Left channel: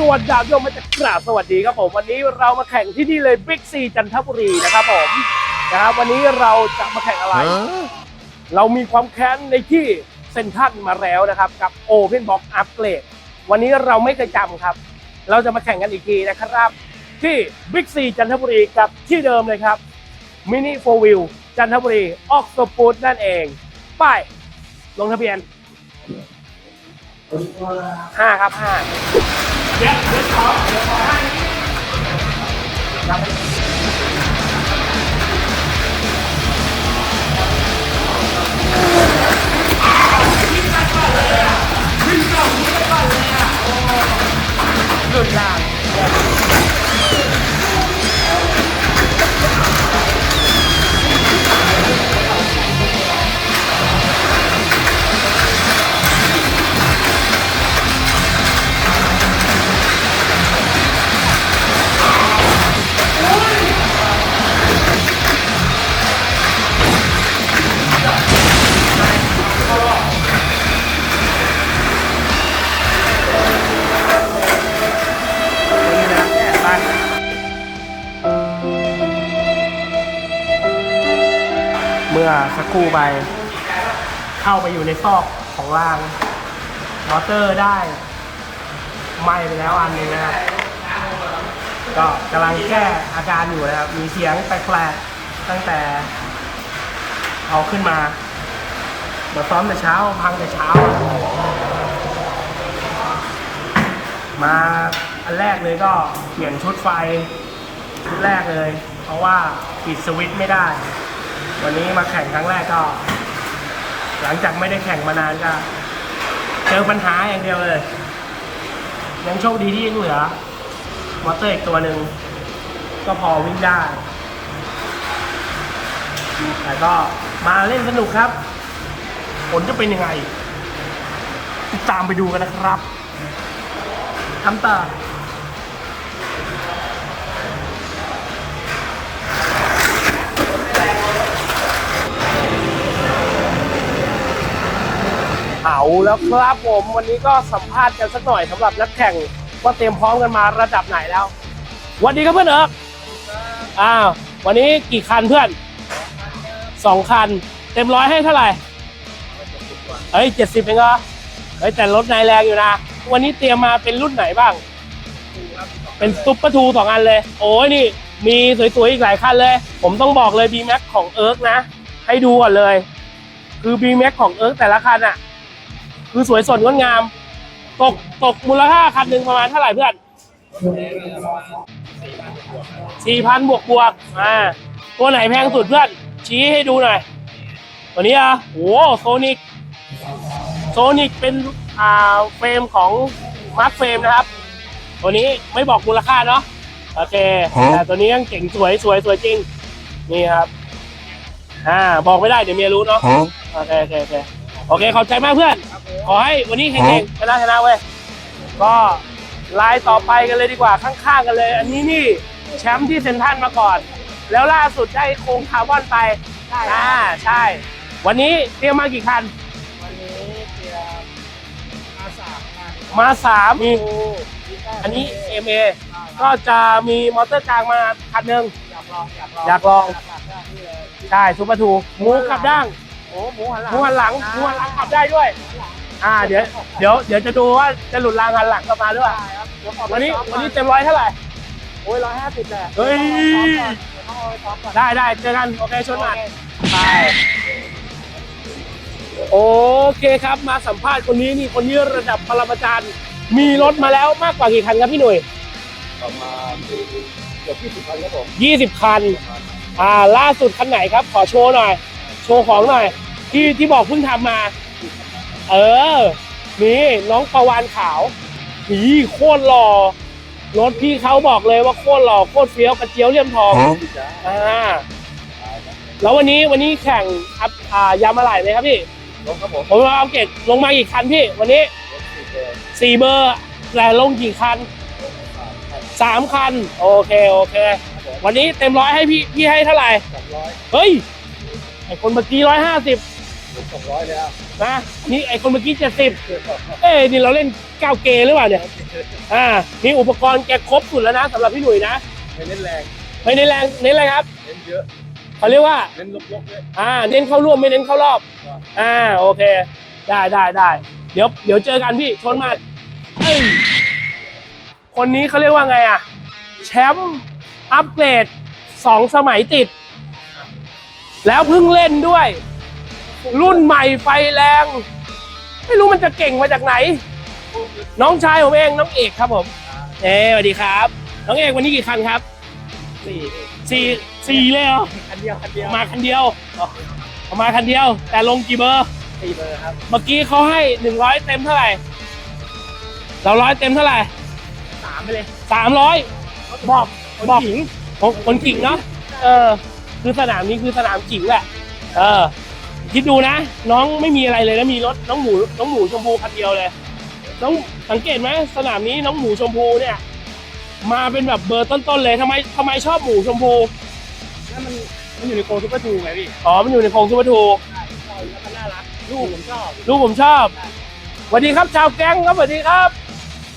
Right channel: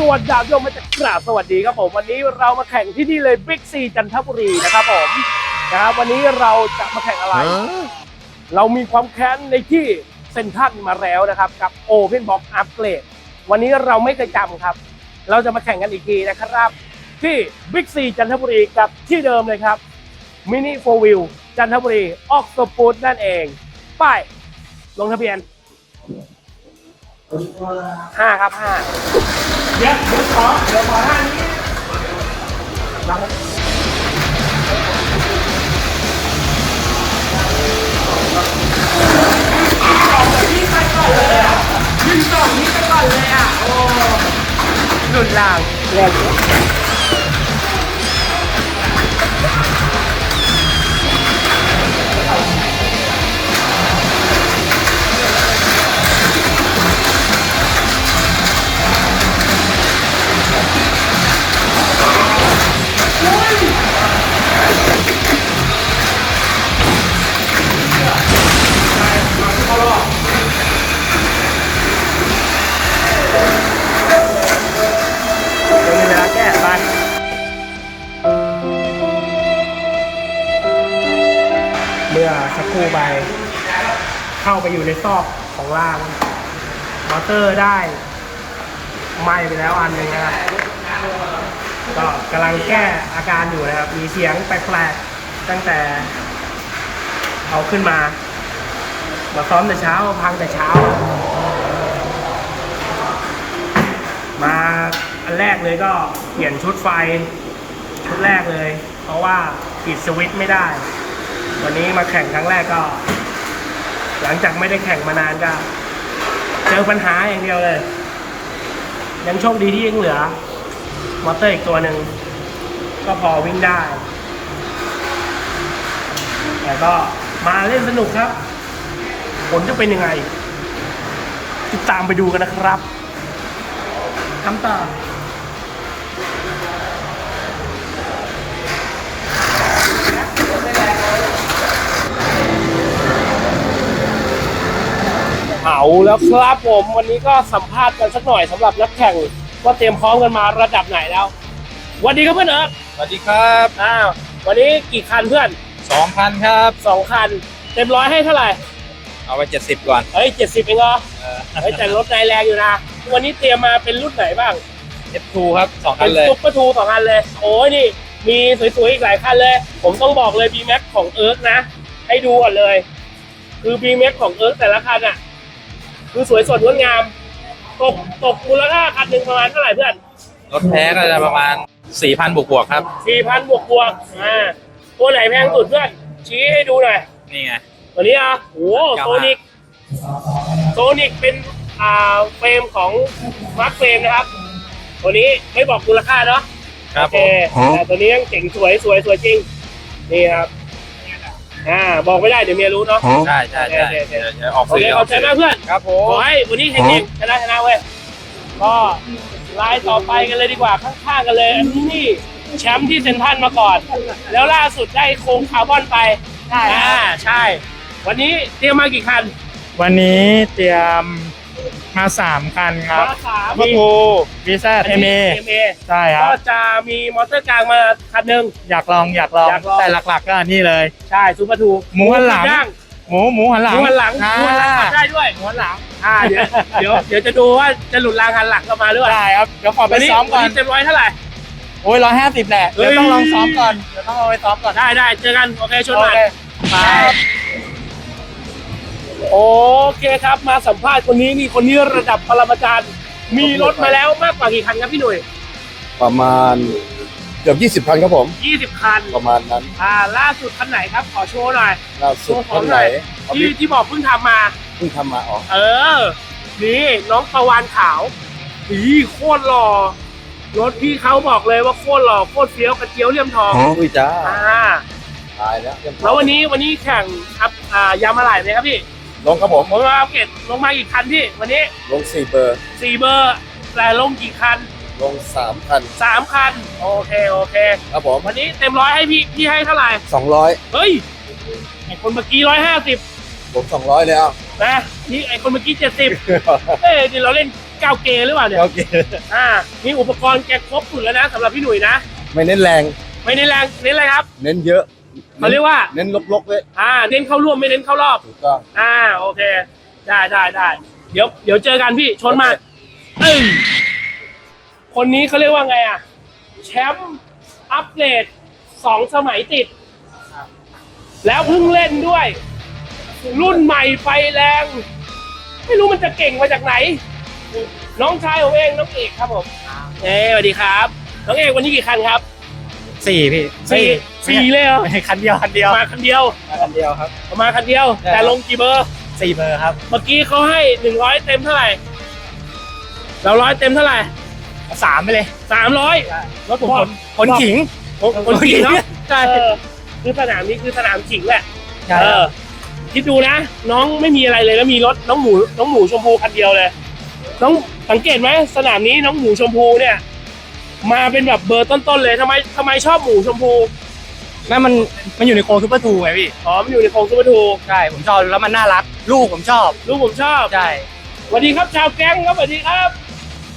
กีสวัสดีดาบโยมมาจากกราบสวัสดีครับผม วันนี้เรามาแข่งที่นี่เลยบิ๊กซีจันทบุรีนะครับผมนะครับวันนี้เราจะมาแข่งอะไร เรามีความแค้นในที่เซนทรันมาแล้วนะครับกับ Open Box Upgrade วันนี้เราไม่เคยจำครับ เราจะมาแข่งกันอีกทีนะครับ ที่ Big C จันทบุรีกับที่เดิมเลยครับ Mini 4 Wheel จันทบุรีออกสปูดนั่นเองไป้ายลงทะเบียน ห้าครับห้า ไปเข้าไปอยู่ในซอกของราง มอเตอร์ได้ไหมไปแล้วอันหนึ่งนะครับ ก็กำลังแก้อาการอยู่นะครับ มีเสียงแปลกๆตั้งแต่เอาขึ้นมา มาซ้อมแต่เช้าพังแต่เช้า มาอันแรกเลยก็เปลี่ยนชุดไฟชุดแรกเลย เพราะว่าปิดสวิตช์ไม่ได้ วันนี้มาแข่งครั้งแรกก็ หลังจากไม่ได้แข่งมานานก็ เจอปัญหาอย่างเดียวเลย ยังโชคดีที่ยังเหลือ มอเตอร์อีกตัวหนึ่ง ก็พอวิ่งได้ แต่ก็มาเล่นสนุกครับ ผลจะเป็นยังไง ติดตามไปดูกันนะครับทำต่อ เอาแล้วครับผมวันนี้ก็สัมภาษณ์กันสักหน่อยสำหรับนักแข่งว่าเตรียมพร้อมกันมาระดับไหนแล้วสวัสดีครับเพื่อนเอิร์กสวัสดีครับอ้าววันนี้กี่คันเพื่อนสองพันครับ สองคัน เต็มร้อยให้เท่าไหร่เอาไปเจ็ดสิบก่อนเฮ้ยเจ็ดสิบเองเหรอเฮ้ยแต่รถนายแรงอยู่นะ วันนี้เตรียมมาเป็นรุ่นไหนบ้างเอฟทูครับสองอัเป็นนเลยซุปเปอร์ทูสองอันเลย โอ้ยนี่ มีสวยๆ อีกหลายคันเลย ผมต้องบอกเลย B Max ของเอิร์กนะ ให้ดูก่อนเลย คือ B Max ของเอิร์กแต่ละคันอะ คือสวยสดงดงาม ตกตกมูลค่าคันหนึ่งประมาณเท่าไหร่เพื่อนรถแท้ก็จะประมาณสี่พันบวกบวกๆครับสี่พันบวกบวกๆอ่าตัวไหนแพงสุดเพื่อน ชี้ให้ดูหน่อย นี่ไง ตัวนี้อะโอ้โซนิกโซนิกเป็นอ่าเฟรมของมาร์คเฟรมนะครับ ตัวนี้ไม่บอกมูลค่าเนาะ ครับโอเคแต่ตัวนี้ยังเจ๋งสวยสวยสวยจริง นี่ครับ อ่าบอกไม่ได้เดี๋ยวเมียรู้เนาะ ใช่ใช่ใช่โอเคโอเคเดี๋ยวเดี๋ยวออกโอเคขอบใจมากเพื่อน ครับผมขอให้วันนี้เก่งๆชนะชนะเว้ย ก็ไลน์ต่อไปกันเลยดีกว่าข้างๆกันเลย อันนี้นี่แชมป์ที่เซนทรันมาก่อน แล้วล่าสุดได้โครงคาร์บอนไปใช่อ่าใช่ วันนี้เตรียมมากี่คัน วันนี้เตรียม มาสามคันครับมาสามพวกกูวีซ่าอันเทนี้เมเอเมใช่คก็รับจะมีมอเตอร์กลางมาคันหนึ่งอยากลองอยากลองอยากลอง แต่หลักๆก็นี่เลย ใช่ซูเปอร์ทูหมูหันหลังย่างหมูหมูหันหลัหงมูหันหลังหอ่ามูหันหลังขับได้ด้วยหมูหันหลังอ่าเดี๋ยวเดี๋ยวเดี๋ยวจะดูว่าจะหลุดรางหันหลังกลับมาด้วยได้ครับเดี๋ยวขอไปวันนี้ซ้อมวัก่นอนนี้เต็มร้อยเท่าไหร่โอ้ยร้อยห้าสิบแหละเฮ้เดี๋ยยวต้องลองซ้อมก่อนเดี๋ยวต้องเอาไปซ้อมก่อนได้ได้เจอกันโอเคชวนโอมาเค โอเคครับ มาสัมภาษณ์คนนี้นี่คนนี้ระดับปรมาจารย์ มีรถมาแล้วมากกว่ากี่คันครับพี่หนุ่ยประมาณเกือบ20คันครับผม 20 คัน ประมาณนั้นอ่าล่าสุดคันไหนครับ ขอโชว์หน่อย ล่าโชสุดว์ของหน่อยเอาที่ที่ที่บอกเพิ่งทำมา เพิ่งทำมาอ๋อเออ นี่น้องประวานขาวอีโคตรหล่อ รถพี่เขาบอกเลยว่าโคตรหล่อโคตรเฟี้ยวกระเจียวเลี่ยมทองอุ้ยจ้าอ่าตายแล้วแล้ววันนี้วันนี้แข่งอัพอ่ายามาหลายเลยครับพี่ ลงครับผม ผมมาอัปเกรดลงมากี่คันพี่ วันนี้ลง 4 เบอร์ สี่เบอร์แต่ลงกี่คันลง3คันสามคัน โอเคโอเค ครับผมวันนี้เต็มร้อยให้พี่พี่ให้เท่าไหร่ 200 เฮ้ยไอคนเมื่อกี้ร้อยห้าสิบผม 200 เลยอะโนะนี่ไอคนเมื่อกี้เจ็ดสิบเอ้ยนี่เราเล่นเจ้าเกย์หรือเปล่าเนี่ยโอเค อ่ามีอุปกรณ์แกครบสุดแล้วนะสำหรับพี่หนุ่ยนะ ไม่เน้นแรง ไม่เน้นแรงเน้นอะไรครับ เน้นเยอะ เขาเรียกว่า เน้นลกๆเลยอ่า เน้นเข้ารอบไม่เน้นเข้ารอบ ถูกต้องอ่า โอเค ได้ได้ได้ เดี๋ยว เดี๋ยวเจอกันพี่ ชนมาเอ้ยคนนี้เขาเรียกว่าไงอะ แชมป์อัปเกรดสองสมัยติด แล้วเพิ่งเล่นด้วย รุ่นใหม่ไฟแรง ไม่รู้มันจะเก่งมาจากไหน น้องชายผมเองน้องเอกครับผม เอ้สวัสดีครับ น้องเอกวันนี้กี่คันครับ สี่พี่สี่สี่เลยเหรอไม่คันเดียวคันเดียวมาคันเดียวคันเดียวครับมาคันเดียว แต่ลงกี่เบอร์สี่เบอร์ครับ เมื่อกี้เขาให้หนึ่งร้อยเต็มเท่าไหร่เราร้อยเต็มเท่าไหร่สามไปเลยสามร้อยรถผมคนขิงคนจริงเนาะใช่คือสนามนี้คือสนามจริงแหละเออคิดดูนะ น้องไม่มีอะไรเลยแล้วมีรถน้องหมูน้องหมูชมพูคันเดียวเลย น้องสังเกตไหมสนามนี้น้องหมูชมพูเนี่ย มาเป็นแบบเบอร์ต้นๆเลยทำไมทำไมชอบหมูชมพูนั่นมันมันอยู่ในโคซูเปอร์ทูไงพี่ อ๋อมันอยู่ในโครงซูเปอร์ทูใช่ ผมชอบแล้วมันน่ารัก ลูกผมชอบ ลูกผมชอบใช่สวัสดีครับชาวแก๊งครับสวัสดีครับ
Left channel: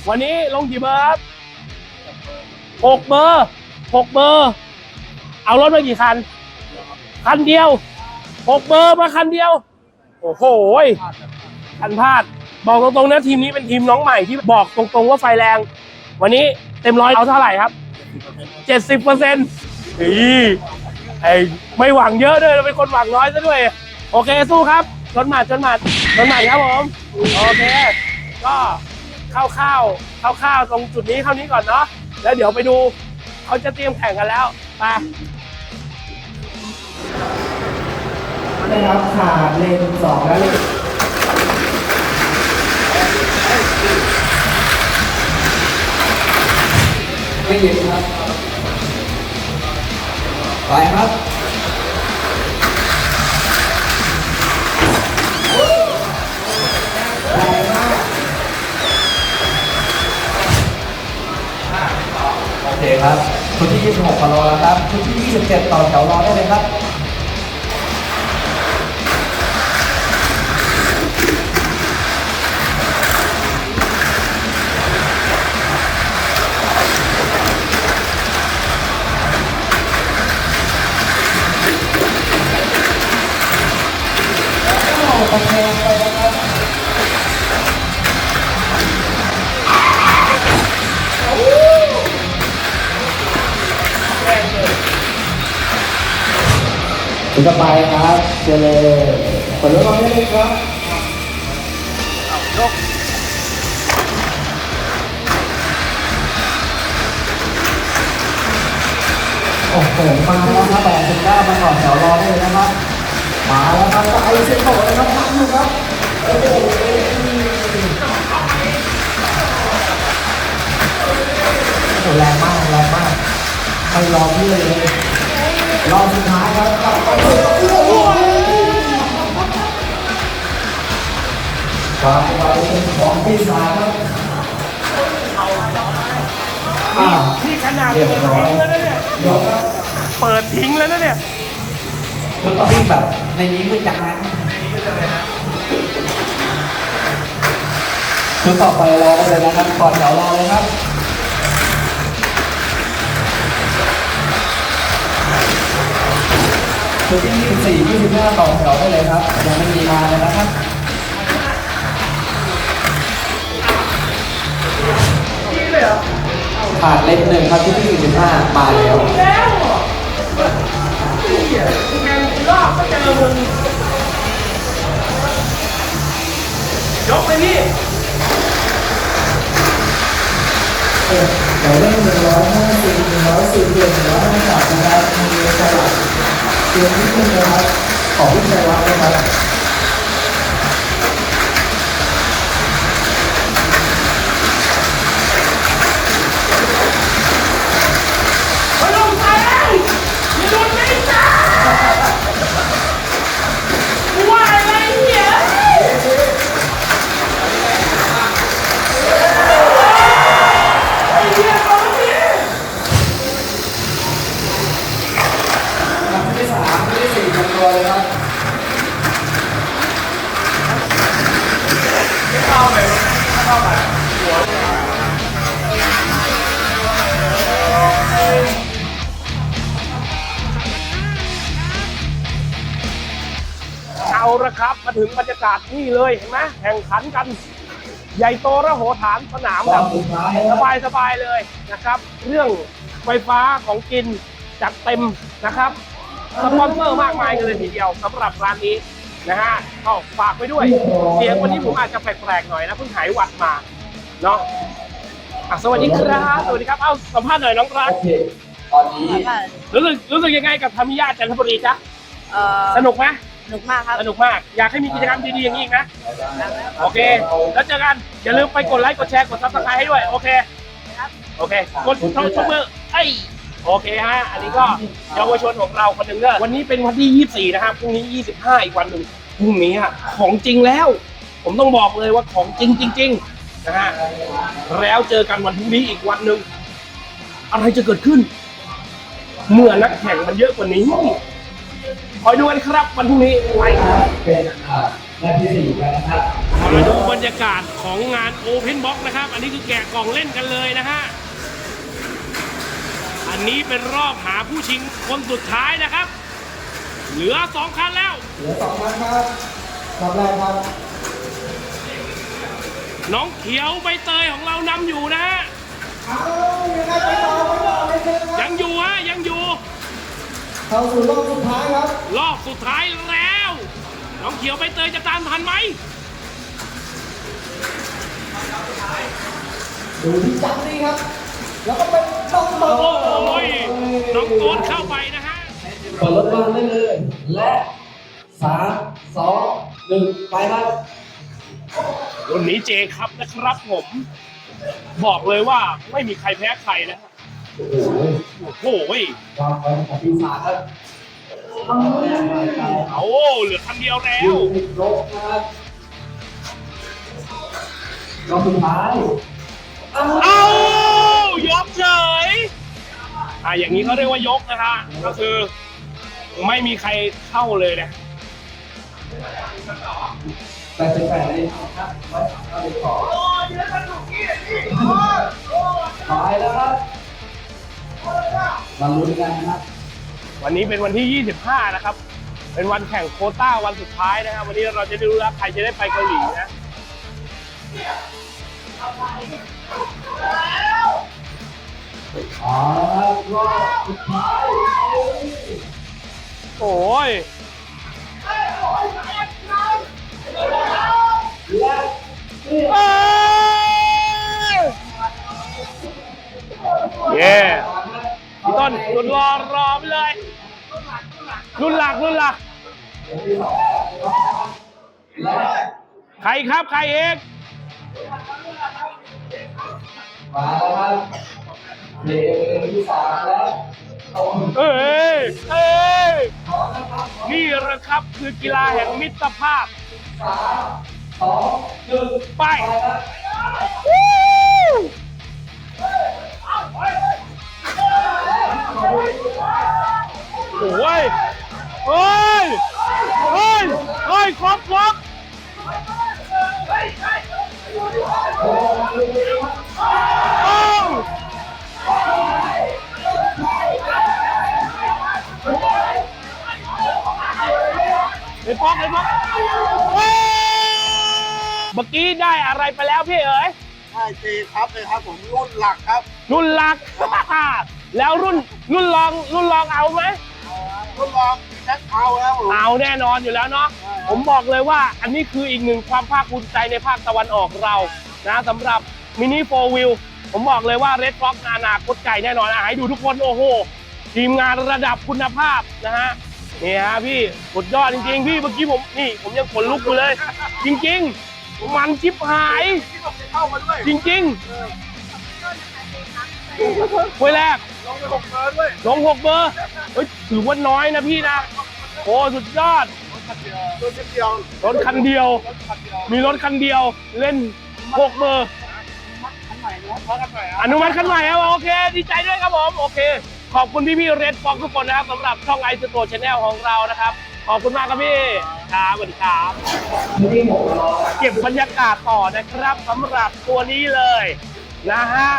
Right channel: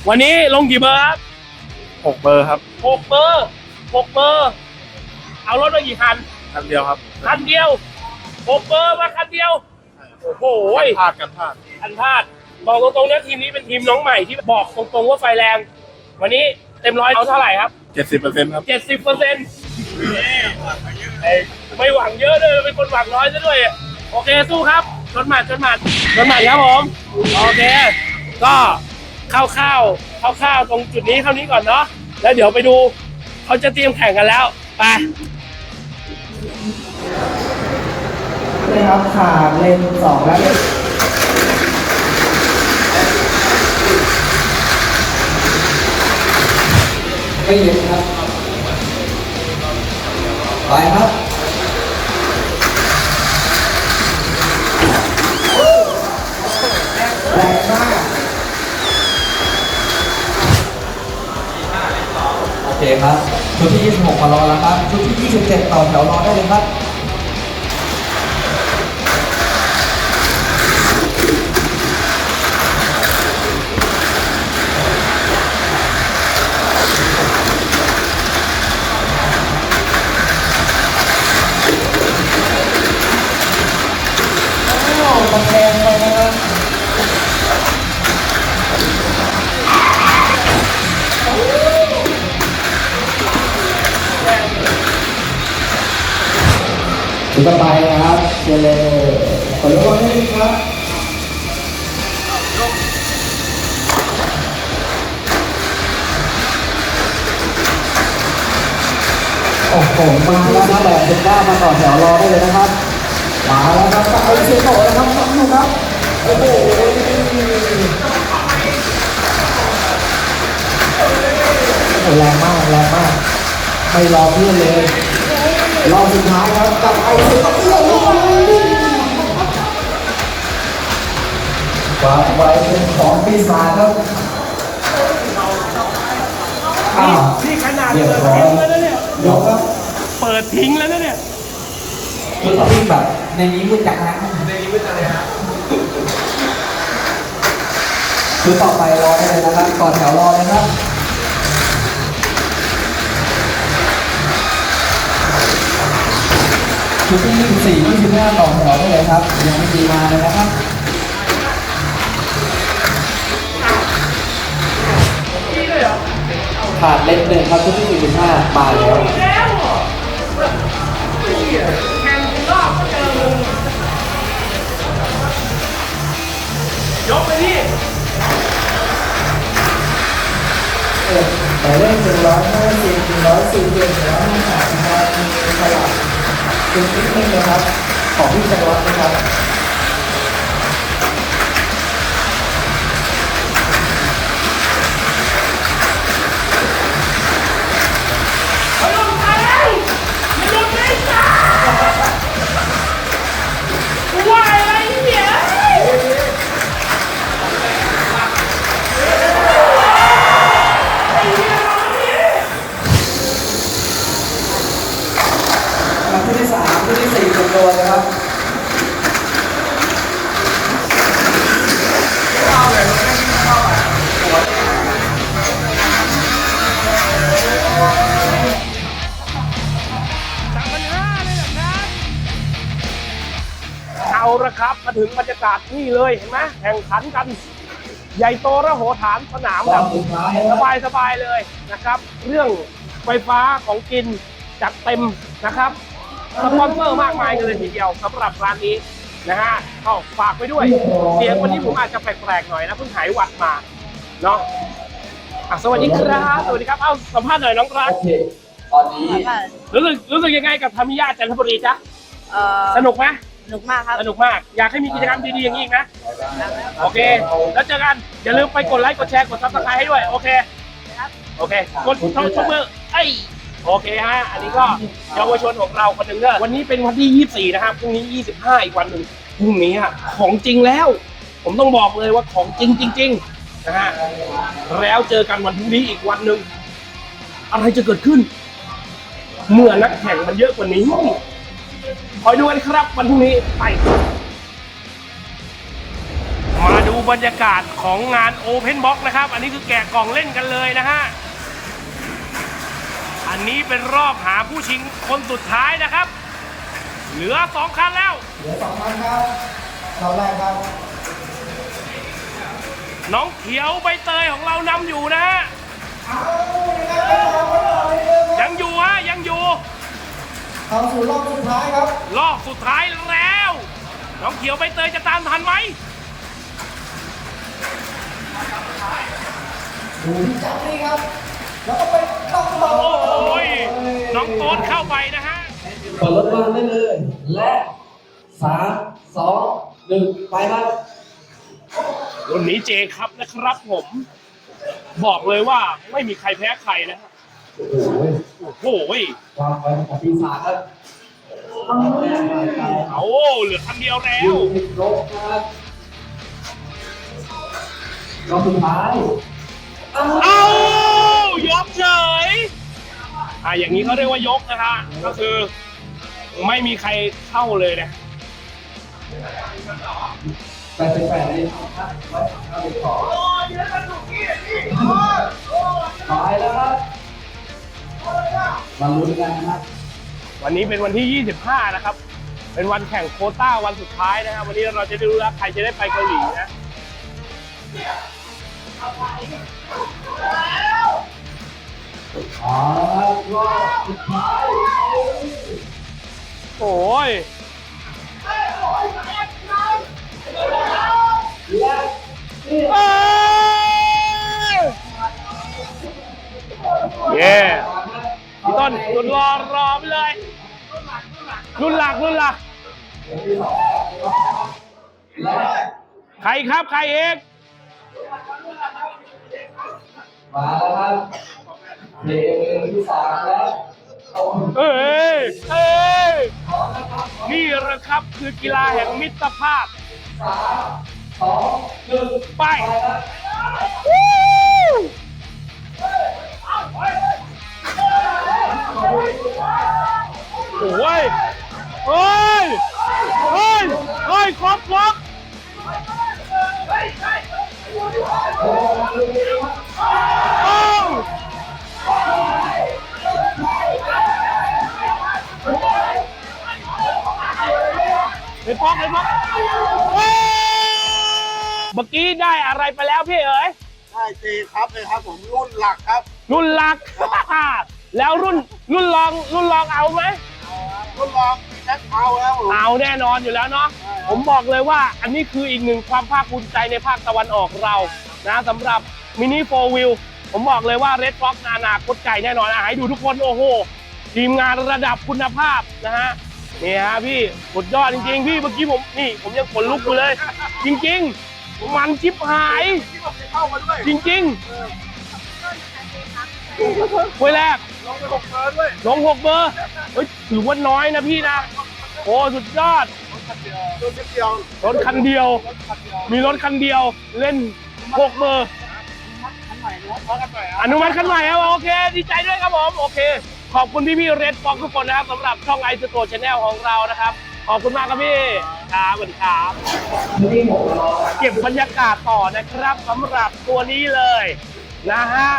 วันนี้ลงกี่เบอร์ครับหกเบอร์ครับหกเบอร์หกเบอร์ เอารถมากี่คัน คันเดียวครับคันเดียวหกเบอร์มาคันเดียว โอ้โหพลาดกันพลาดคันพลาดบอกตรงๆนะทีมนี้เป็นทีมน้องใหม่ที่บอกตรงๆว่าไฟแรง วันนี้ เต็มร้อยเอาเท่าไหร่ครับเจ็ดสิบเปอร์เซ็นต์ครับเจ็ดสิบเปอร์เซ็นต์ไอ้ไม่หวังเยอะด้วยเราเป็นคนหวังน้อยซะด้วย โอเคสู้ครับชนหมัดชนหมัดชนหมัดครับผมโอเค ก็คร่าวๆคร่าวๆตรงจุดนี้เท่านี้ก่อนเนาะแล้วเดี๋ยวไปดูเขาจะเตรียมแข่งกันแล้วไปนะครับขาเลนสองและเลน ไม่เย็นครับ ไปครับแรงมากโอเคครับชุดที่ 26มารอแล้วครับชุดที่ 27 ต่อแถวรอได้เลยครับ ตะแคงเลยนะครับถึงจะไปนะครับ เจเลขอเลือกมาให้เลยครับโอ้โหมาแล้วนะบอกถึงได้มาต่อแถวรอได้เลยนะครับ เสียงโหยครับนี่ครับโอ้โหแรงมากแรงมากไม่รอเพื่อนเลยรอบสุดท้ายครับก็เอาไปไว้เป็นของพี่สาครับนี่ขนาดเปิดทิ้งแล้วนะเนี่ยเดี๋ยวครับเปิดทิ้งแล้วนะเนี่ย คือต้องวิ่งแบบ ในนี้มืดจังนะคือต่อไปรอได้เลยนะครับก่อนแถวรอเลยครับชุดที่24 25ต่อแถวได้เลยครับยังไม่มีมาเลยนะครับขาดเล็กหนึ่งครับชุดที่45มาแล้ สูตรเดือนหนึ่งรอยห้าสามนะครับมีตลับเดือนที่นี่นะครับของที่ใจรับนะครับ ถึงบรรยากาศนี่เลยเห็นไหมแข่งขันกัน ใหญ่โตระโหฐานสนามแบบสุดท้ายสบายสบายๆเลยนะครับ เรื่องไฟฟ้าของกินจัดเต็มนะครับสปอนเซอร์มากมายกันเลยทีเดียวสำหรับร้านนี้นะฮะก็ฝากไปด้วย เสียงวันนี้ผมอาจจะแปลกๆหน่อยนะเพิ่งหายหวัดมาเนาะอะสวัสดีครับสวัสดีครับเอ้าสัมภาษณ์หน่อยน้องรักโอเคตอนนี้ค่ะรู้สึกรู้สึกยังไงกับธรรมิยาจันทบุรีจ๊ะเอ่อสนุกไหม สนุกมากครับ สนุกมาก อยากให้มีกิจกรรมดีๆอย่างนี้อีกนะ โอเค แล้วเจอกัน อย่าลืมไปกดไลค์ กดแชร์ กดซับสไครต์ให้ด้วย โอเค โอเค กดช่องช่องมือไอ้โอเคฮะ อันนี้ก็เยาวชนของเราคนหนึ่งเนอะวันนี้เป็นวันที่ 24 นะครับพรุ่งนี้ 25 อีกวันหนึ่งพรุ่งนี้อะของจริงแล้ว ผมต้องบอกเลยว่าของจริงจริงๆนะฮะ แล้วเจอกันวันพรุ่งนี้อีกวันหนึ่ง อะไรจะเกิดขึ้น เมื่อนักแข่งมันเยอะกว่านี้ คอยดูกันครับวันพรุ่งนี้ไปมาดูบรรยากาศของงาน Open Box นะครับ อันนี้คือแกะกล่องเล่นกันเลยนะฮะ อันนี้เป็นรอบหาผู้ชิงคนสุดท้ายนะครับ เหลือสองคันแล้วน้องเขียวใบเตยของเรานำอยู่นะฮะ ยังอยู่ฮะ ยังอยู่ เข้าสู่รอบสุดท้ายครับ รอบสุดท้ายแล้ว น้องเขียวใบเตยจะตามทันไหมดูที่จับนี่ครับ แล้วก็เป็นน้องบอลโอ้ยน้องโต๊ดเข้าไปนะฮะเปิดรถบ้านได้เลย และสามสองหนึ่งไปครับรุ่นนี้เจครับนะครับผม บอกเลยว่าไม่มีใครแพ้ใครนะฮะโอ้โห โอ้โหยความไวของปีศาจครับเอาเหลือคันเดียวแล้วยูนิครบนะครับรอบสุดท้ายอ้าวเอายกเฉย อะอย่างนี้เขาเรียกว่ายกนะฮะก็คือไม่มีใครเข้าเลยนะแปดสิบแปดเลยครับร้อยสามเก้าสิบสอง มาลุ้นกันนะครับ วันนี้เป็นวันที่ 25 นะครับ เป็นวันแข่งโควต้าวันสุดท้ายนะครับ วันนี้เราจะได้รู้แล้วใครจะได้ไปเกาหลีนะอ๋อรอบสุดท้ายโอ้ยและนี่เอ้ยเย้พี่ ต้นรุ่นรอรอไปเลย รุ่นหลักรุ่นหลักและใครครับใครเองมาแล้วครับเพลงที่สามแล้วเอ้ยเอ้ยขอนะครับนี่แหละครับคือกีฬาแห่งมิตรภาพสามสองหนึ่งไป โอ้ยเฮ้ยเฮ้ยเฮ้ยครบครบเอ้าไอ้ป๊อกไอ้ป๊อกเฮ้ยเมื่อกี้ได้อะไรไปแล้วพี่เอ๋ยใช่เจครับเลยครับผมรุ่นหลักครับ รุ่นหลัก แล้วรุ่นรุ่นรองรุ่นรองเอาไหมรุ่นรองมีแบ็คเอาท์แล้วผมเอาแน่นอนอยู่แล้วเนาะผมบอกเลยว่าอันนี้คืออีกหนึ่งความภาคภูมิใจในภาคตะวันออกเรานะสำหรับมินิโฟวิลผมบอกเลยว่า Red Fox นานาคตไก่แน่นอนอะให้ดูทุกคนโอ้โหทีมงานระดับคุณภาพนะฮะนี่ฮะพี่สุดยอดจริงๆ พี่เมื่อกี้ผมนี่ ผมยังขนลุกอยู่เลย จริงๆ มันชิบหาย ที่ผมจะเข้ามาด้วยจริงๆเว้ยแรก ลงไปหกเบอร์ด้วยลงหกเบอร์เฮ้ยถือว่าน้อยนะพี่นะ โอ้สุดยอดตัวนิดเดียวรถคันเดียว รถคันเดียวมีรถคันเดียวเล่นหกเบอร์เพราะกันหน่อยอนุมัติคันใหม่ครับโอเค ดีใจด้วยครับผมโอเค ขอบคุณพี่พี่เรดฟองทุกคนนะครับสำหรับช่องไอซ์โตชแนลของเรานะครับ ขอบคุณมากครับพี่ครับสวัสดีครับนี่ผมรอเก็บบรรยากาศต่อนะครับสำหรับตัวนี้เลยนะฮะ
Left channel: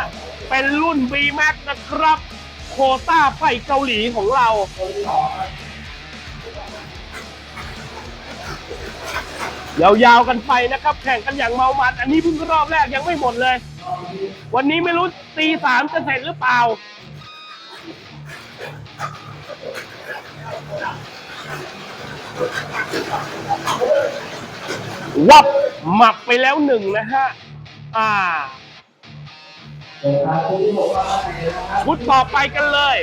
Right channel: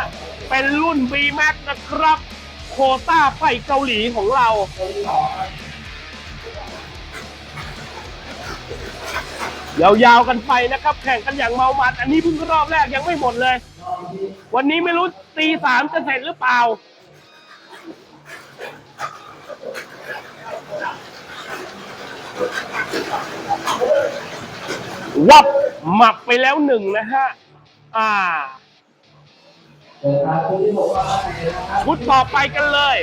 เป็นรุ่น B Max นะครับ โควต้าไฟเกาหลีของเรา ยาวๆกันไปนะครับ แข่งกันอย่างเมามัน อันนี้เพิ่งรอบแรกยังไม่หมดเลย วันนี้ไม่รู้ตีสามจะเสร็จหรือเปล่า วับหมับไปแล้วหนึ่งนะฮะ อ่า ชุดต่อไปกันเลย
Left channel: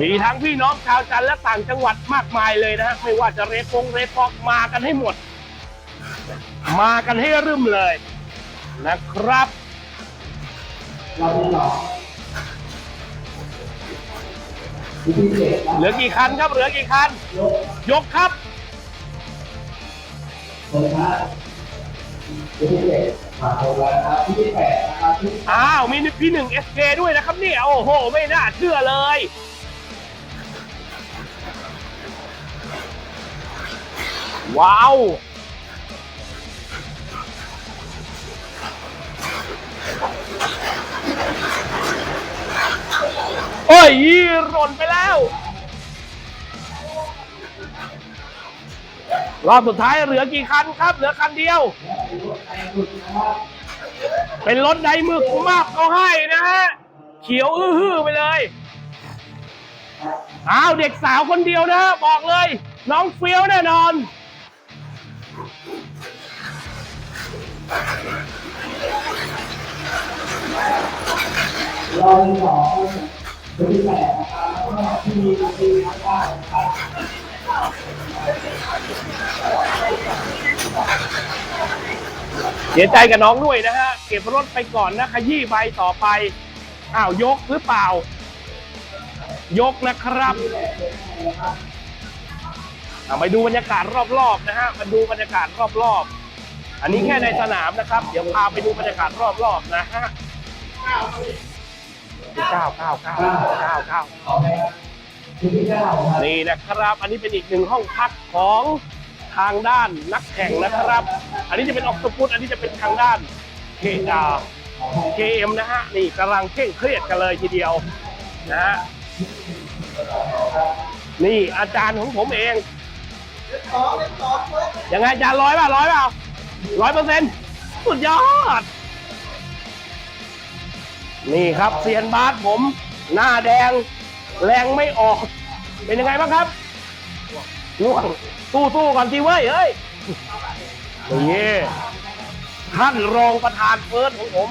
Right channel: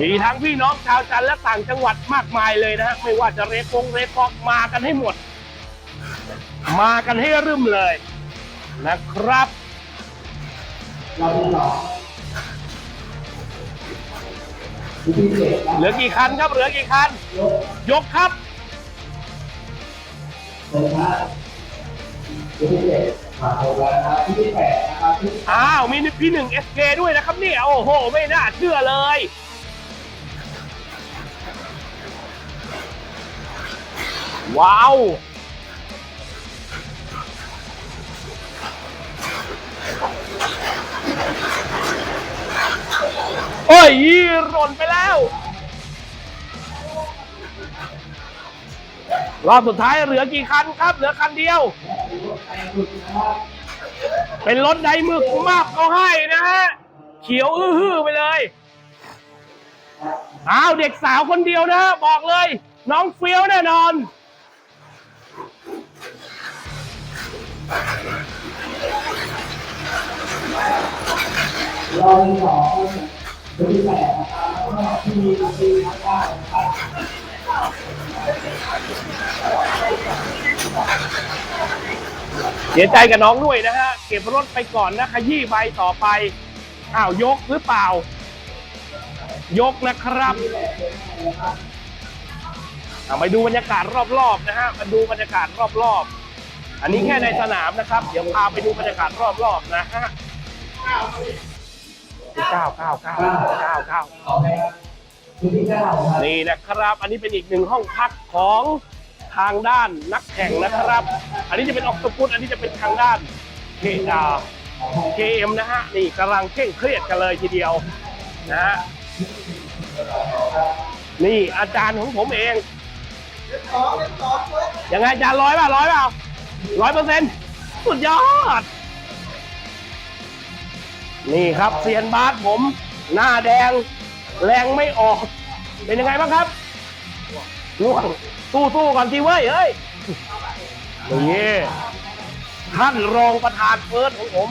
มีทั้งพี่น้องชาวจันทร์และต่างจังหวัดมากมายเลยนะฮะไม่ว่าจะเรฟงเรฟอกมากันให้หมด มากันให้รึมเลยนะครับเหลือกี่คันครับเหลือกี่คัน ยกครับ อ้าวมีพี่หนึ่งเอสเคด้วยนะครับเนี่ยโอ้โห ไม่น่าเชื่อเลย ว้าว โอ้ยยี่หล่นไปแล้ว รอบสุดท้ายเหลือกี่คันครับ เหลือคันเดียว เป็นรถไดมึกมากเขาให้นะฮะเขียวอื้อไปเลยอ้าวเด็กสาวคนเดียวนะ บอกเลย น้องเฟี้ยวแน่นอน รอบที่สองตัวที่แปดนะครับแล้วก็ที่มีตัวที่นะครับ เสียใจกับน้องด้วยนะฮะ เก็บรถไปก่อนนะขยี้ใบต่อไป อ้าวยกหรือเปล่า ยกนะครับเอาไปดูบรรยากาศรอบๆนะฮะมาดูบรรยากาศรอบๆ อันนี้แค่ในสนามนะครับ เดี๋ยวพาไปดูบรรยากาศรอบๆนะฮะเก้าเก้าเก้าเก้าเก้าขอไปครับตัวที่เก้าครับนี่นะครับ อันนี้เป็นอีกหนึ่งห้องพักของ ทางด้านนักแข่งนะครับ อันนี้จะเป็นออกตปุตอันนี้จะเป็นทางด้านเคดาเคเอ็มนะฮะนี่กำลังเคร่งเครียดกันเลยทีเดียวนะฮะนี่อาจารย์ของผมเองยังไงอาจารย์ร้อยป่ะร้อยเปล่าร้อยเปอร์เซ็นต์สุดยอด นี่ครับเซียนบาสผม หน้าแดงแรงไม่ออก เป็นยังไงบ้างครับ ล่วงสู้สู้ๆก่อนทีเว้ยเฮ้ยนี่ท่านรองประธานเฟิร์สของผม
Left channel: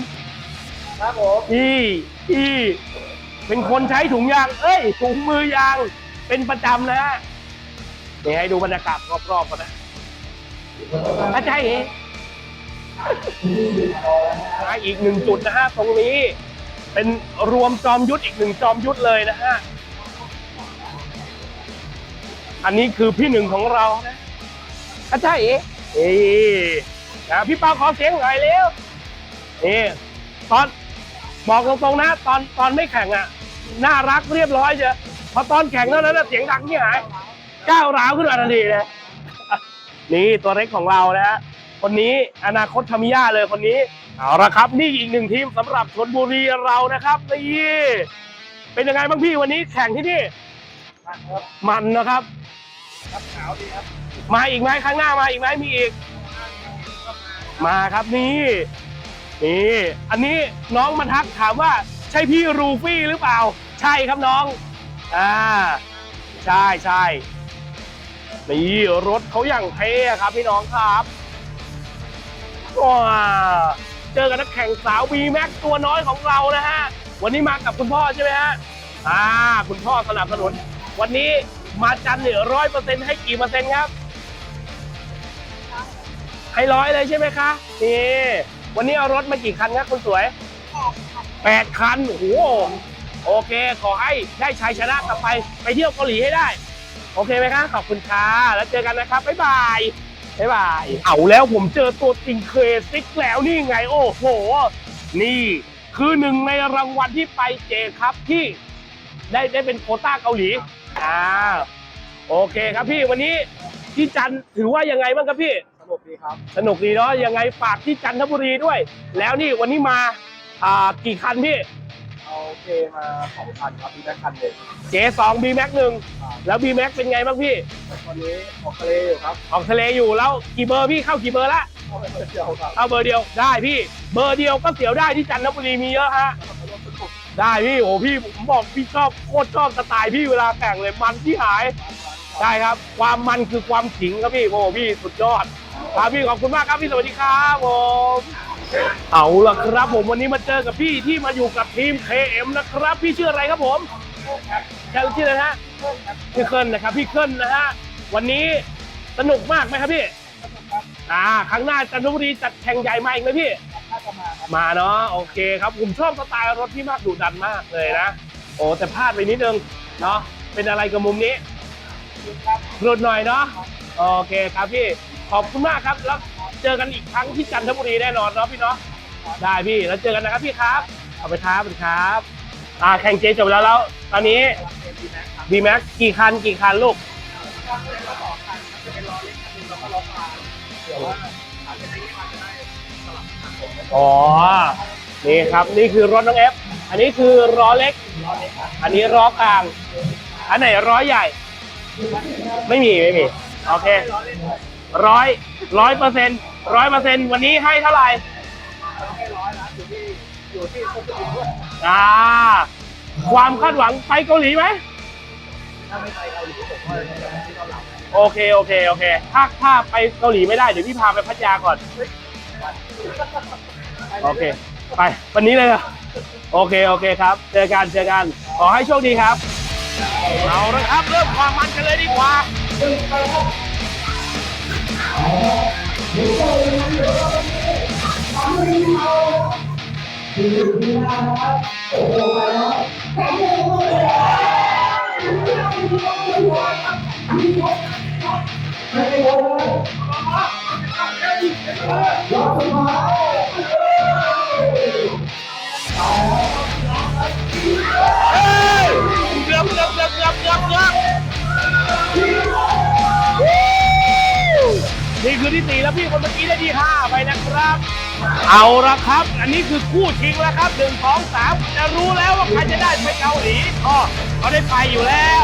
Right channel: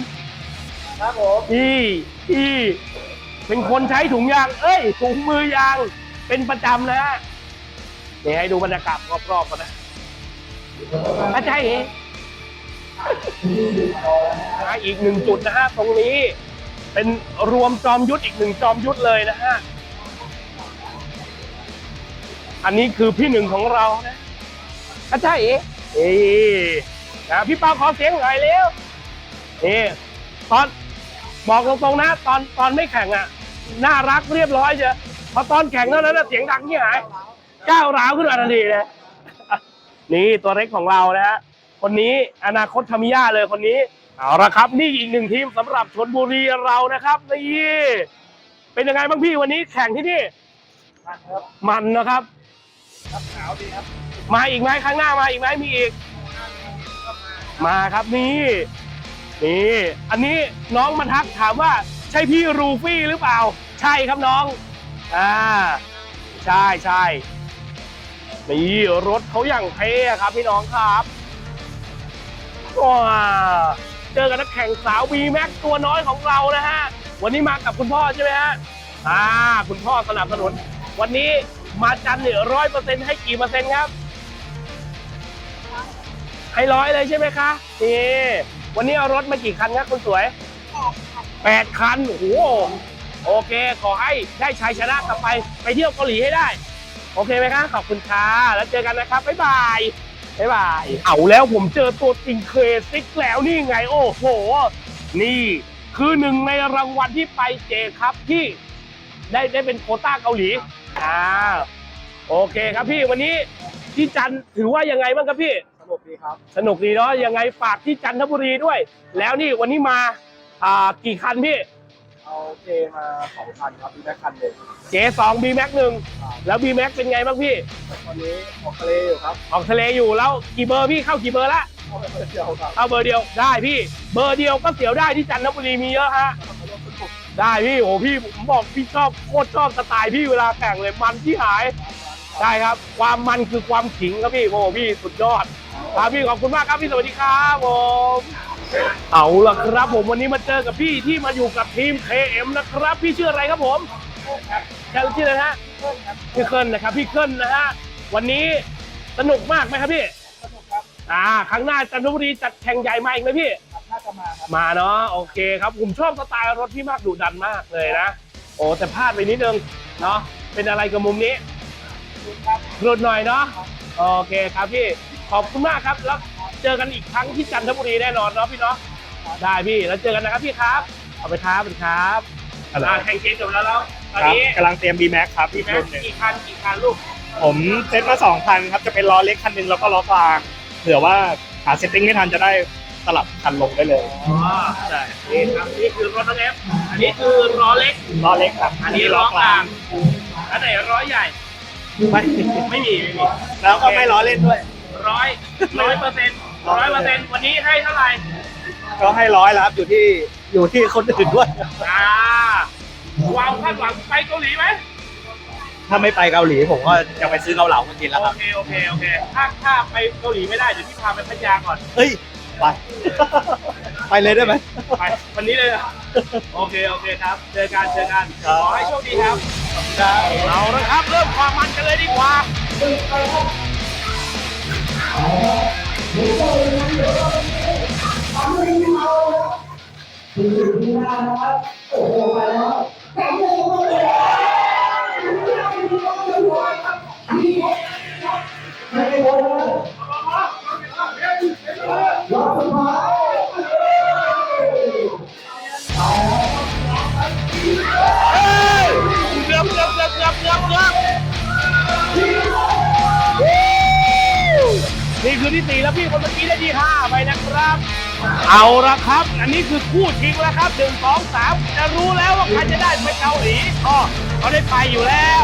ครับผมอีอีเป็นคนใช้ถุงยาง เอ้ยถุงมือยางเป็นประจำนะฮะนี่ให้ดูบรรยากาศรอบๆกันนะอาจารย์เองนะอีกหนึ่งจุดนะฮะตรงนี้ เป็นรวมจอมยุทธอีกหนึ่งจอมยุทธเลยนะฮะ อันนี้คือพี่หนึ่งของเรานะอาจารย์เอ๋เอ๋นะพี่เปาขอเสียงหน่อยเร็วนี่ตอนบอกตรงๆนะ ตอนตอนไม่แข่งอะ น่ารักเรียบร้อยเชียวพอตอนแข่งเท่านั้นเสียงดังที่หายก้าวร้าวขึ้นมาทันทีเลยนี่ตัวเล็กของเรานะฮะคนนี้อนาคตทามิยาเลยคนนี้เอาละครับ นี่อีกหนึ่งทีมสำหรับชนบุรีเรานะครับนี่เป็นยังไงบ้างพี่วันนี้แข่งที่นี่ มันนะครับมาอีกไหมข้างหน้ามาอีกไหมมีอีก มาครับนี่นี่อันนี้น้องมาทักถามว่าใช่พี่รูฟี่หรือเปล่า ใช่ครับน้องอ่าใช่ใช่นี่รถเขาอย่างเท่อะครับพี่น้องครับว้าเจอกับนักแข่งสาวบีแม็กตัวน้อยของเรานะฮะวันนี้มากับคุณพ่อใช่ไหมฮะอ่าคุณพ่อสนับสนุน วันนี้มาจันเนี่ยร้อยเปอร์เซ็นต์ให้กี่เปอร์เซ็นต์ครับ ให้ร้อยเลยใช่ไหมคะนี่วันนี้เอารถมากี่คันครับคุณสวยแปดคันโอ้โหโอเค ขอให้ได้ชัยชนะกลับไปไปเที่ยวเกาหลีให้ได้ โอเคไหมคะขอบคุณค่ะแล้วเจอกันนะครับบ๊ายบายบ๊ายบายเอาแล้วผมเจอตัวจริงเคซิกแล้วนี่ไง โอ้โห นี่คือหนึ่งในรางวัลที่ไปเจครับที่ได้ได้เป็นโคต้าเกาหลี อ่าโอเคครับพี่วันนี้ที่จันทร์ถือว่ายังไงบ้างครับพี่สนุกดีครับ สนุกดีเนาะยังไงฝากที่จันทบุรีด้วย แล้วนี่วันนี้มาอ่ากี่คันพี่เอเอาเคมาสองคันครับมีแม็กคันหนึ่ง J2 B Max หนึ่งแล้ว B Max เป็นไงบ้างพี่ตอนนี้ออกทะเลอยู่ครับออกทะเลอยู่แล้วกี่เบอร์พี่เข้ากี่เบอร์ละเข้าไปเที่ยวครับเข้าเบอร์เดียวได้พี่ เบอร์เดียวก็เสียวได้ที่จันทบุรีมีเยอะฮะมาร่วมสนุก ได้พี่โอ้พี่ผมบอกพี่ชอบโคตรชอบสไตล์พี่เวลาแข่งเลยมันที่หายได้ครับ ความมันคือความขิงครับพี่โอ้พี่สุดยอดครับพี่ขอบคุณมากครับพี่สวัสดีครับผมเอาล่ะครับ ผมวันนี้มาเจอกับพี่ที่มาอยู่กับทีม KM นะครับ พี่ชื่ออะไรครับผมแค่ชื่ออะไรนะฮะพี่เคิลนะครับพี่เคิลนะฮะวันนี้สนุกมากไหมครับพี่อ่าครั้งหน้าจันทบุรีจัดแข่งใหญ่มาอีกไหมพี่น่า จะมาครับมาเนาะโอเคครับผมชอบสไตล์รถพี่มากดุดันมากเลยนะ โอ้แต่พลาดไปนิดนึงเนาะเป็นอะไรกับมุมนี้หลุดหน่อยเนาะโอเคครับพี่ขอบคุณมากครับแล้วเจอกันอีกครั้งที่จันทบุรีแน่นอนเนาะพี่เนาะได้พี่แล้วเจอกันนะครับพี่ครับขอบคุณครับสวัสดีครับอ่าแข่งเจจบแล้วแล้วตอนนี้กำลังเตรียม B Max ครับบีแม็กกี่คันกี่คันลูกผมเซตมาสองคันครับจะเป็นล้อเล็กคันหนึงแล้วก็ล้อกลางเผื่อว่าหาเซตติ้งไม่ทันจะได้ สลับคันลงได้เลยอ๋อนี่ครับนี่คือรถน้องเอฟอันนี้คือล้อเล็ก ล้อเล็กครับอันนี้ล้อกลาง อันไหนร้อยใหญ่ไม่ไม่มีไม่มีแล้วโอก็เคไม่ล้อเล่นด้วยร้อยร้อยเปอร์เซ็นต์ร้อยเปอร์เซ็นต์วันนี้ให้เท่าไหร่ก็ให้ร้อยแล้วครับอยู่ที่อยู่ที่คนอื่นด้วยอ่าความคาดหวังไปเกาหลีไหมถ้าไม่ไปเกาหลีผมก็ยังไปซื้อเกาเหลามากินแล้วโอครับเคโอเคโอเคถ้าถ้าไปเกาหลีไม่ได้เดี๋ยวพี่พาไปพัทยาก่อนเฮ้ย ไป ไปเลยได้ไหม ไปวันนี้เลยเหรอโอเคโอเคครับเจอกันเจอกันขอให้โชคดีครับเราละครับ เริ่มความมันกันเลยดีกว่าเกือบเกือบเกือบเกือบเกือบเกือบนี่คือที่สี่แล้วพี่คนเมื่อกี้ได้ที่ห้าไปนะครับ เอาละครับ อันนี้คือคู่ชิงแล้วครับหนึ่งสองสามจะรู้แล้วว่าใครจะได้ไปเกาหลีอ๋อเขาได้ไปอยู่แล้ว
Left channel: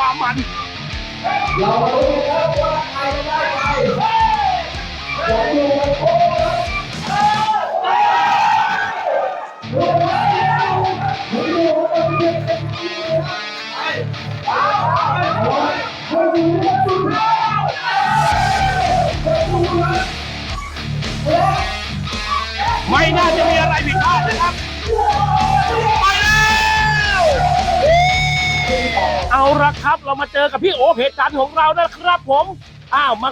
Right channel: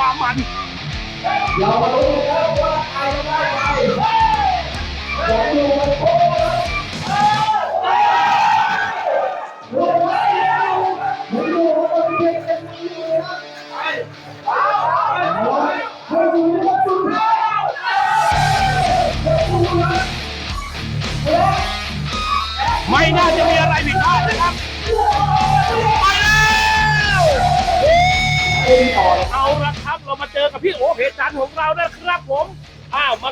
กันเลยครับความมันไม่น่าจะมีอะไรผิดพลาดนะครับไปแล้ว เอาละครับเรามาเจอกับพี่โอเพจจันทร์ของเรานะครับ ผมอ้าวมา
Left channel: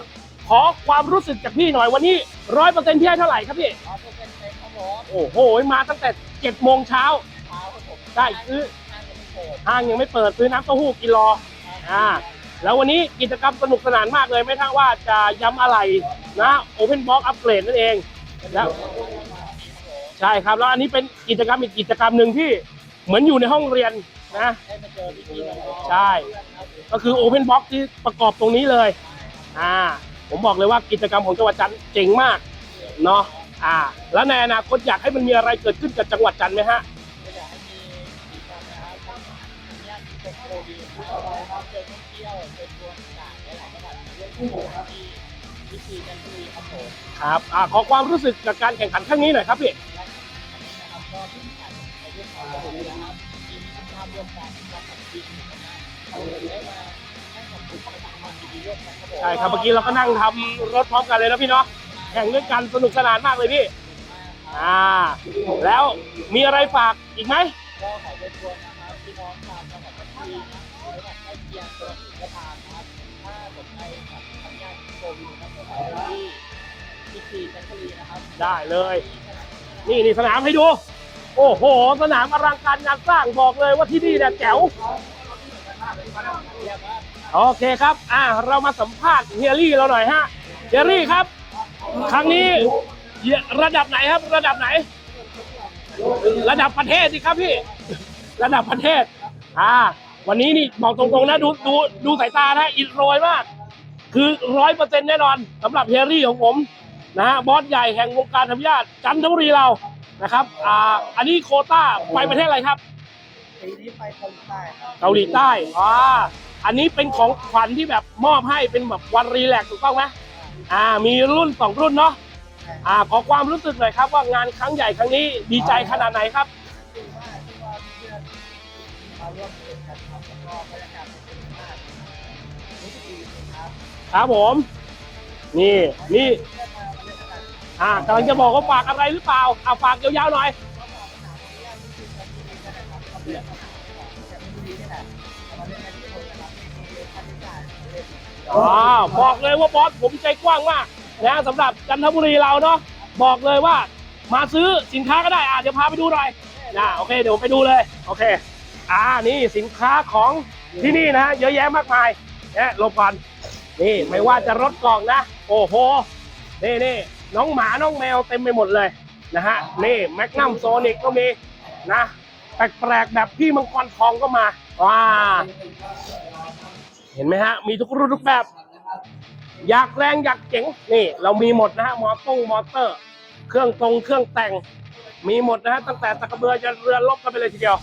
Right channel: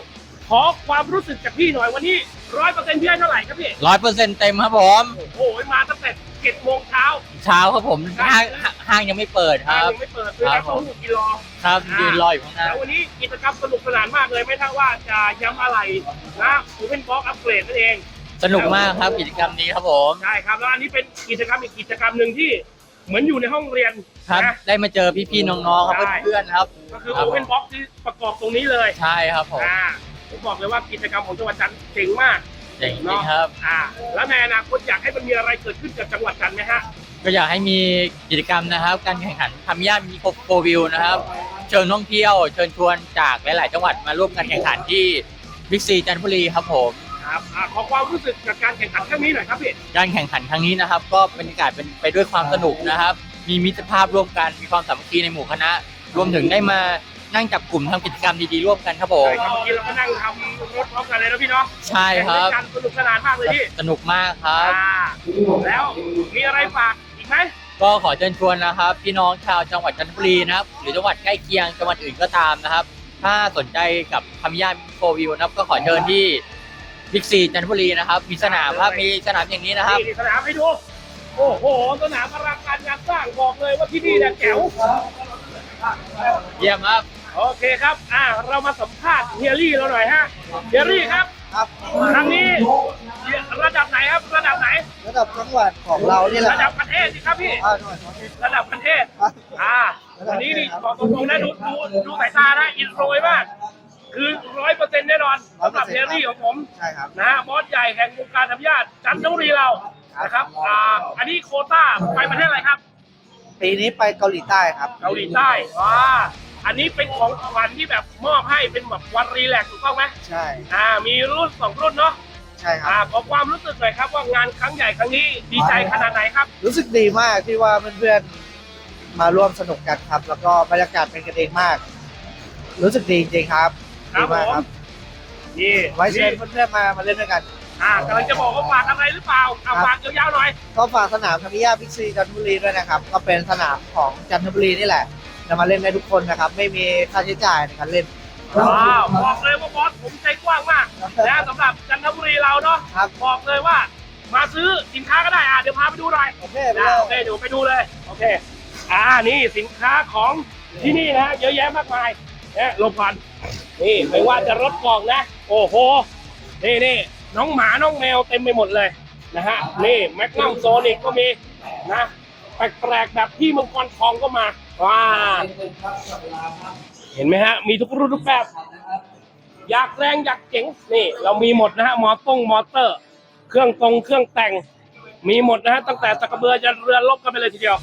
ขอความรู้สึกจากพี่หน่อยวันนี้ร้อยเปอร์เซ็นต์พี่ให้เท่าไหร่ครับพี่ร้อยเปอร์เซ็นต์เต็มครับผมโอ้โหมาตั้งแต่เจ็ดโมงเช้าเช้าครับผมได้ห้างซื้อห้างยังไม่เปิดคห้างรับยังไม่เปิดซื้อน้ำเต้าหู้กินรอครับอ่ายืนรออยู่ข้างหน้าแล้ววันนี้กิจกรรมสนุกสนานมากเลยไม่เท่าว่าจะย้ำอะไรนะโอเพนบ็อกอัปเกรดนั่นเองสนุกมากครับกิจกรรมนี้ครับผมใช่ครับแล้วอันนี้เป็นกิจกรรมอีกกิจกรรมหนึ่งที่ เหมือนอยู่ในห้องเรียนครับนะ ได้มาเจอพี่ๆน้องๆใช่ เพื่อนๆครับก็คือโอเพนบ็อกที่ประกอบตรงนี้เลยใช่ครับผมอ่าผมบอกเลยว่ากิจกรรมของจังหวัดจันทร์เจ๋งมาก เจ๋งเนาะ ครับ อ่า แล้วในอนาคตอยากให้มันมีอะไรเกิดขึ้นกับจังหวัดจันทร์ไหมฮะ ก็อยากให้มีกิจกรรมนะครับ การแข่งขันทำย่ามีโฟวิวนะครับ เชิญท่องเที่ยว เชิญชวนจากหลาย ๆ จังหวัดมาร่วมกันแข่งขันที่บิ๊กซีจันทบุรีครับผม ครับอ่าขอความรู้สึกจากการแข่งขันครั้งนี้หน่อยครับพี่การแข่งขันครั้งนี้นะครับ ก็บรรยากาศเป็นไปด้วยความสนุกนะครับ มีมิตรภาพร่วมกันมีความสามัคคีในหมู่คณะ รวมถึงได้มานั่งจับกลุ่มทำกิจกรรมดีๆร่วมกันครับผมใช่ครับเมื่อกี้เราก็นั่งทำรถพร้อมกันเลยนะพี่เนาะใช่แข่งคด้วยรับกันสนุกสนานมากเลยพี่สนุกมากครับอ่าแล้วมีอะไรฝากอีกไหม ก็ขอเชิญชวนนะครับ พี่น้องชาวจังหวัดจันทบุรีนะครับ หรือจังหวัดใกล้เคียงจังหวัดอื่นก็ตามนะครับ ถ้าสนใจกับคำย่านโฟวิวนะครับ ก็ขอเชิญที่ บิ๊กซีจันทบุรีนะครับ มีสนามครับ ได้เลย มีสนามอย่างนี้นะครับ นี่นี่สนามให้ดู โอ้โห สนามอลังการงานสร้างบอกเลยว่าที่นี่เนี่ยแจ๋ว เยี่ยมครับ โอเคครับ อ่า เรามาสัมภาษณ์เฮียรี่เราหน่อยฮะ เฮียรี่ครับ ครั้งนี้ระดับไหนครับ ระดับไหน ระดับจังหวัดของเรานี่แหละระดับประเทศสิครับพี่ อ่าหน่อยระดับประเทศ อ่า วันนี้นี่บอกตรงๆนะดูดูดูสายตานะอินโรยมาก คือร้อยเปอร์เซ็นต์แน่นอนสำหรับเฮียรี่ของผมใช่ครับนะฮะบอสใหญ่แห่งวงการทำญาติจันทบุรีเรานะครับอ่าอันนี้โควต้าไปประเทศอะไรครับ ปีนี้ไปเกาหลีใต้ครับเกาหลีใต้อ่าอันนี้เป็นของขวัญที่แบบมอบให้เป็นแบบวันรีแลกซ์ถูกต้องไหมใช่อ่า มีรุ่นสองรุ่นเนาะใช่คอ่ารับขอความรู้สึกหน่อยครับว่างานครั้งใหญ่ครั้งนี้ดีใจขนาดไหนครับ รู้สึกดีมากที่ว่าเพื่อนๆมาร่วมสนุกกันครับ แล้วก็บรรยากาศเป็นกันเองมาก รู้สึกดีจริงๆครับ ครับผม นี่ไว้เชินี่ญเพื่อนๆมามาเล่นด้วยกัน อ่ากำลังจะบอกว่าฝากอะไรหรือเปล่าเอาฝากยาวๆหน่อย ก็ฝากสนามธนิยาพิกซีจันทบุรีด้วยนะครับ ก็เป็นสนามของจันทบุรีนี่แหละ จะมาเล่นได้ทุกคนนะครับ ไม่มีค่าใช้จ่ายในการเล่นว้าวบอกเลยว่าบอสผมใจกว้างมากนะสำหรับจันทบุรีเราเนาะครับ บอกเลยว่า มาซื้อสินค้าก็ได้อะเดี๋ยวพาไปดูหน่อยโอเคอะโอเคเดี๋ยวไปดูเลยโอเค อ่านี่สินค้าของที่นี่นะเยอะแยะมากมายเนี่ยโลพัน นี่ไม่ว่าจะรถกล่องนะ โอ้โห นี่นี่น้องหมาน้องแมวเต็มไปหมดเลยนะฮะ นี่แมกนัมโซนิกก็มีนะแปลกๆแบบพี่มังกรทองก็มา ว้า เห็นไหมฮะ มีทุกรุ่นทุกแบบ อยากแรงอยากเจ๋ง นี่ เรามีหมดนะฮะ มอตงมอเตอร์ เครื่องตรงเครื่องแต่ง มีหมดนะฮะ ตั้งแต่ตะกระเบือจะเรือลบกันไปเลยทีเดียว